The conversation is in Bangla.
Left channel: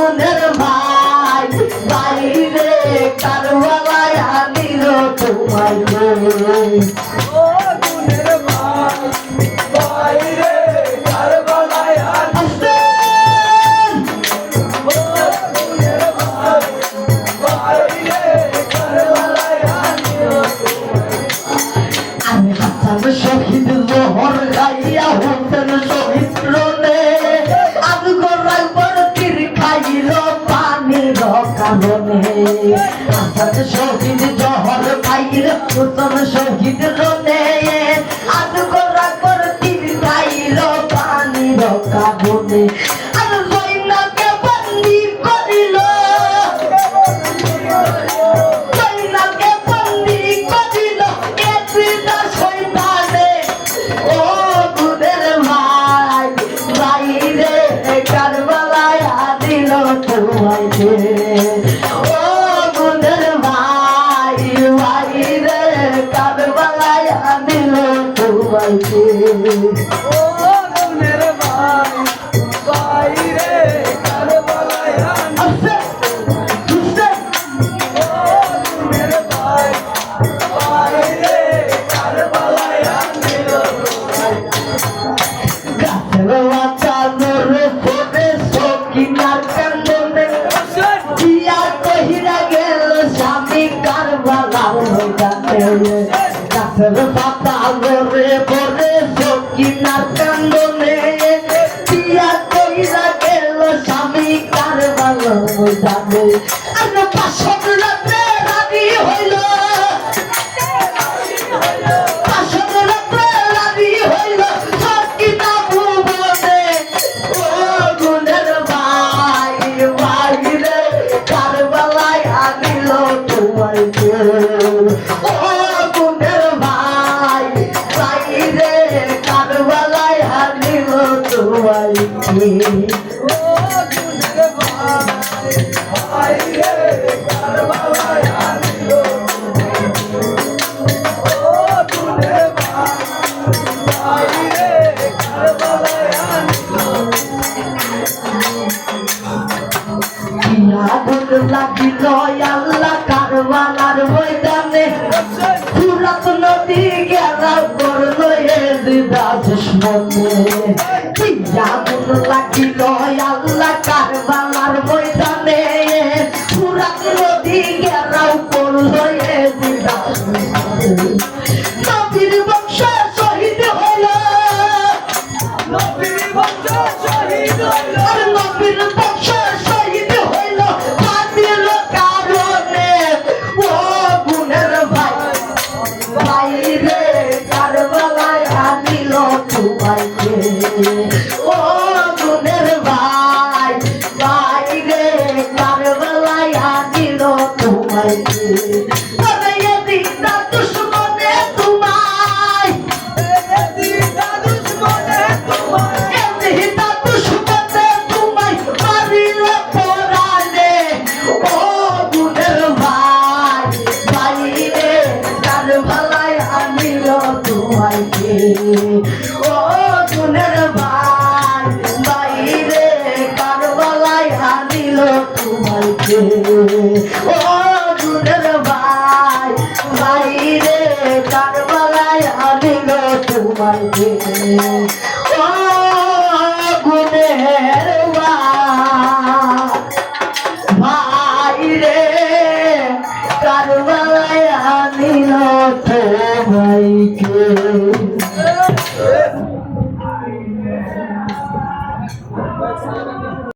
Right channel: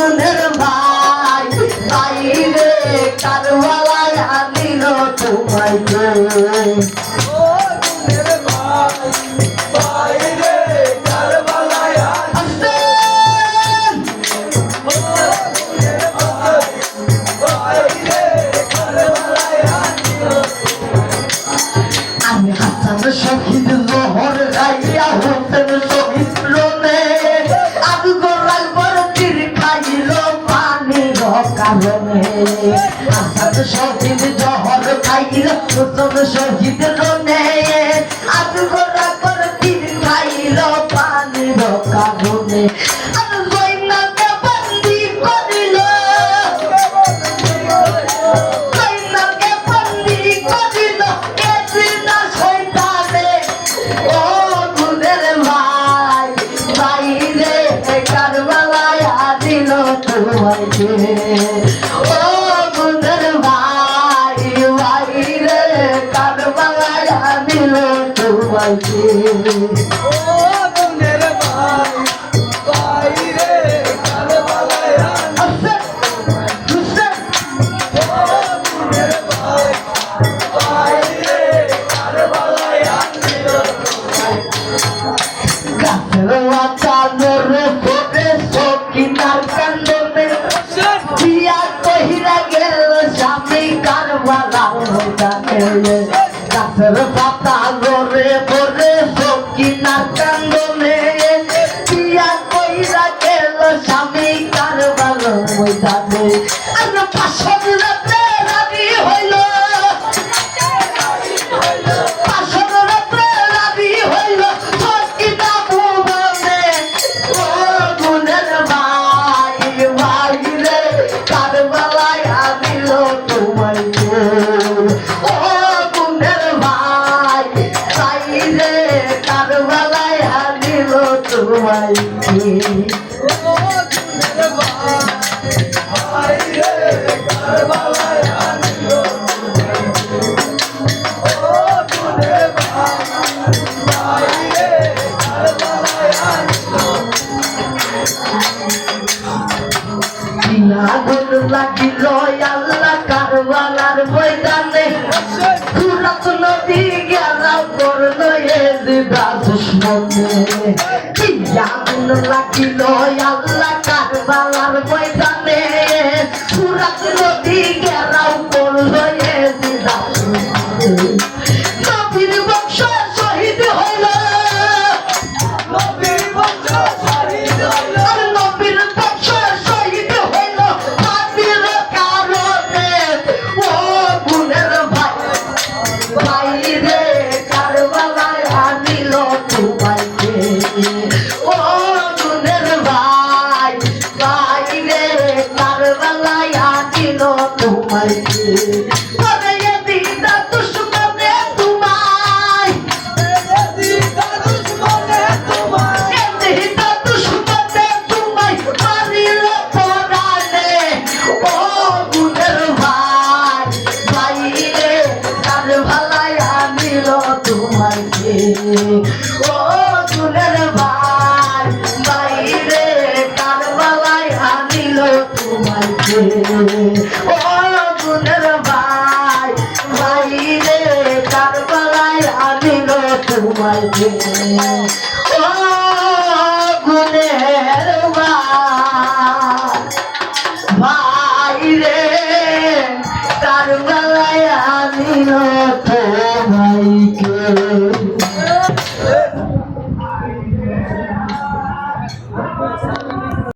গুণের ভাই বাইরে কারবালায় আনিল তোমায় ও গুণের ভাই বাইরে কারবালায় আনিল ও গুণের ভাই বাইরে কারবালায় আনিল আমি হাসান শহীদ জোহর গাইয়া হোসেন শহীদ রোনে আমি গোড়াল বড় তীর খাইল পানির কারণে হাসান শহীদ জোহর গাইল হোসেন শহীদ রোনে আমি গোড়াল বড় তীর খাইল পানির কারণে আমি জয়নাকে বন্দি করিল জয়নাকে বন্দি করিল এদিনা শয়তানে ও গুণের ভাই বাইরে কারবালায় আনিল তোমাকে ও গুণের ভাই বাইরে কারবালায় আনিল তোমাকে ও গুণের ভাই বাইরে কারবালায় আনিল ও গুণের ভাই বাইরে কারবালায় আনিল গাছের বাঁচানোর ফোটে সকিনার কান্দনে দিয়া কহিরা গেল স্বামী কারবালার ময়দানে গাছের পাতা লড়ে পড়ে সকিনার কান্দনে দিয়া কহিরা গেল স্বামী কারবালার ময়দানে আর পাশর রাত্রে রাতি হইল পাশর রাত্রে রাতি হইল সকিনা ভুবনে ও গুণের ভাই বাইরে কারবালায় আনিল তোমাকে ও গুণের ভাই বাইরে কারবালায় আনিল তোমাকে ও গুণের ভাই বাইরে কারবালায় আনিল ও গুণের ভাই বাইরে কারবালায় আনিল আগুন লাগিল আল্লাহ কারবালার ময়দানে ফুরাত নদী গেরাও করলো এদিদা দুশ্মনে আগুন লাগিল আল্লাহ কারবালার ময়দানে ফুরাত নদী গেরাও করলো এদিদা নবীর বংশ শহীদ হইল নবীর বংশ শহীদ হইল আর নবীর বংশ শহীদ হইল হাতির কারণে ও গুণের ভাই বাইরে কারবালায় আনিল তোমাকে ও গুণের ভাই বাইরে কারবালায় আনিল তোমাকে তবে এদিকটা দুশ্মনে তোমায় এদিকে দুশ্মনে তোমায় এদিকটা দুশ্মনে তোমায় মারিল পরাণে ও গুণের ভাই বাইরে কারবালায় আনিল তোমাকে ও গুণের ভাই বাইরে কারবালায় আনিল তোমাকে ও গুণের ভাই বাইরে কারবালায় আনিল তোমাকে ও গুণের ভাই বাইরে কারবালায়